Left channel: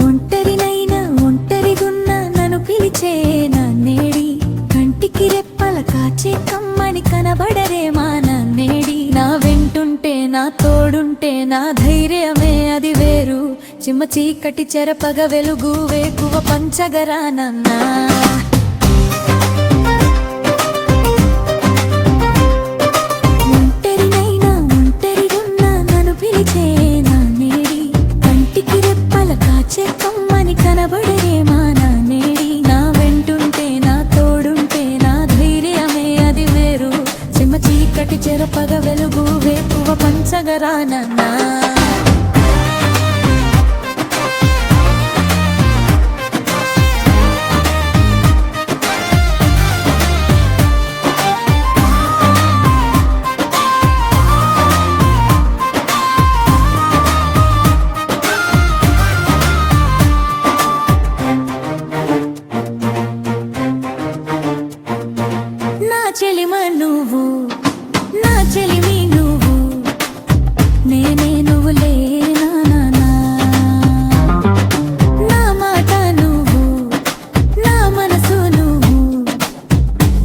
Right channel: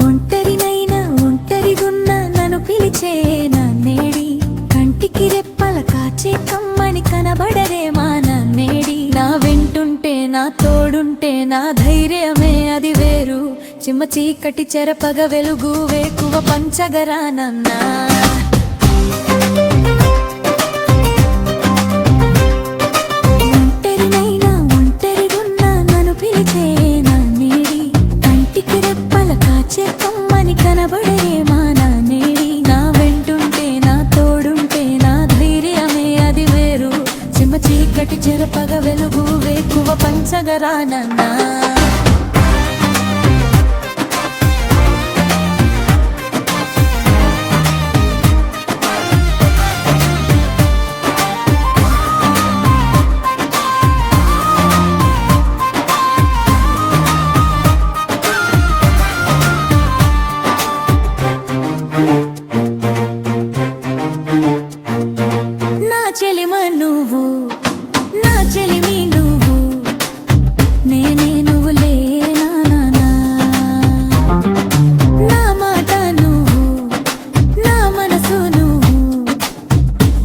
ఒంటరినైనా ఒంటరిగున్న నన్ను పిలిచే నన్నేడి కంటికి రెప్పల కాచే కమ్మని కనబడరే మా నన్నేడి నా వెంటుంటే నా తోడుంటే నా ధైర్యమే అది వేరు చిమ్మ చీకటి చెరపగ వెలుగు వేకువ పంచగరానన్నా కమ్మని కనబడరే మా నానేడి నా వెంటుంటే నా తోడుంటే నా ధైర్యమే అది వేరు చిమ్మ చీకటి చెరపగ వెలుగు వేకువ పంచగరానన్నా చెలిమ నువ్వు నా చెలిమి నువ్వు నేనే నువ్వు లేనా నా మాట నువ్వు నా మనసు నువ్వు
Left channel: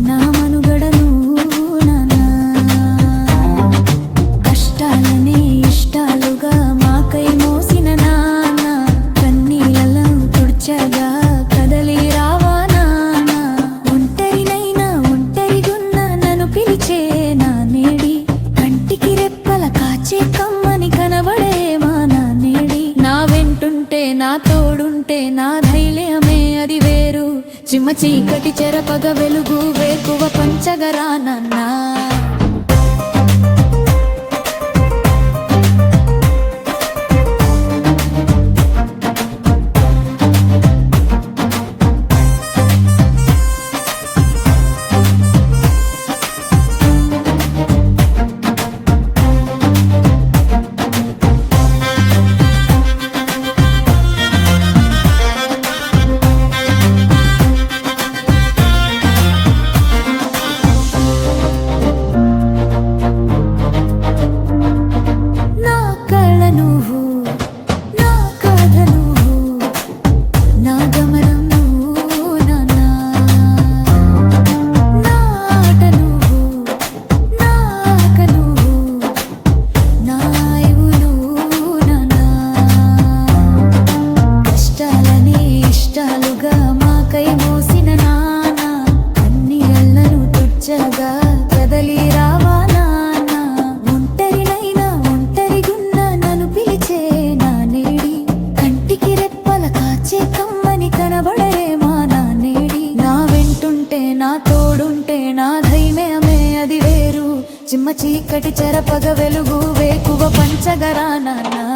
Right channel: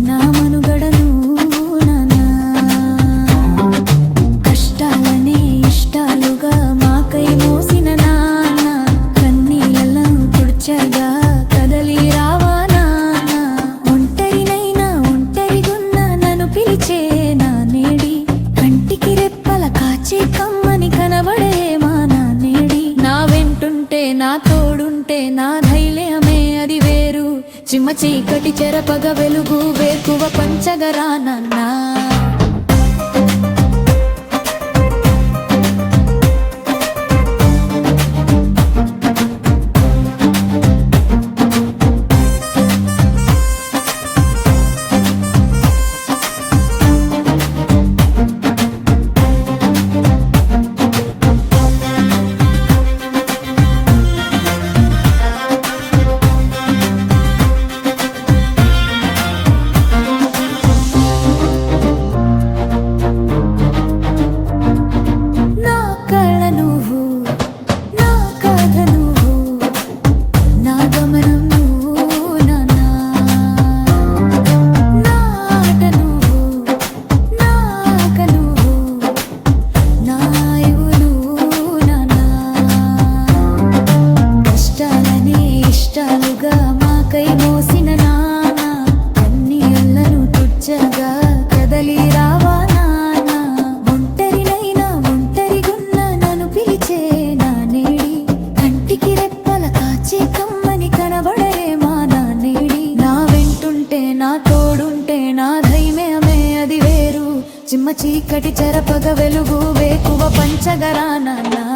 నా మనుగడ నువ్వు నాన్నా కష్టాలనే ఇష్టాలుగా మాకై మోసిన నాన్న కన్నీళ్ళలో తుడ్చగా కదలి రావా పిలిచే నానేడి కంటికి రెప్పల కాచే కమ్మని కనబడే మా నానేడి నా వెంటుంటే నా తోడుంటే నా ధైర్యమే అది వేరు చిమ్మ చీకటి చెరపగ వెలుగు వేకువ పంచగరానన్నా నువ్వు నా కథ నువ్వు నా గమనం నువ్వు నాన్నా నా ఆట నువ్వు నాక నువ్వు నా ఇవు నువ్వు నాన్నా కష్టాలనే ఇష్టాలుగా మాకై మోసిన నాన్న కన్నీళ్ళను తుడ్చగా కదలి రావా పిలిచే నానేడి కంటికి రెప్పల కాచే కమ్మని కనబడరే మా నానేడి నా వెంటుంటే నా తోడుంటే నా ధైర్యమే అది వేరు చిమ్మ చీకటి చెరపగ వెలుగు వేకువ పంచగరానన్నా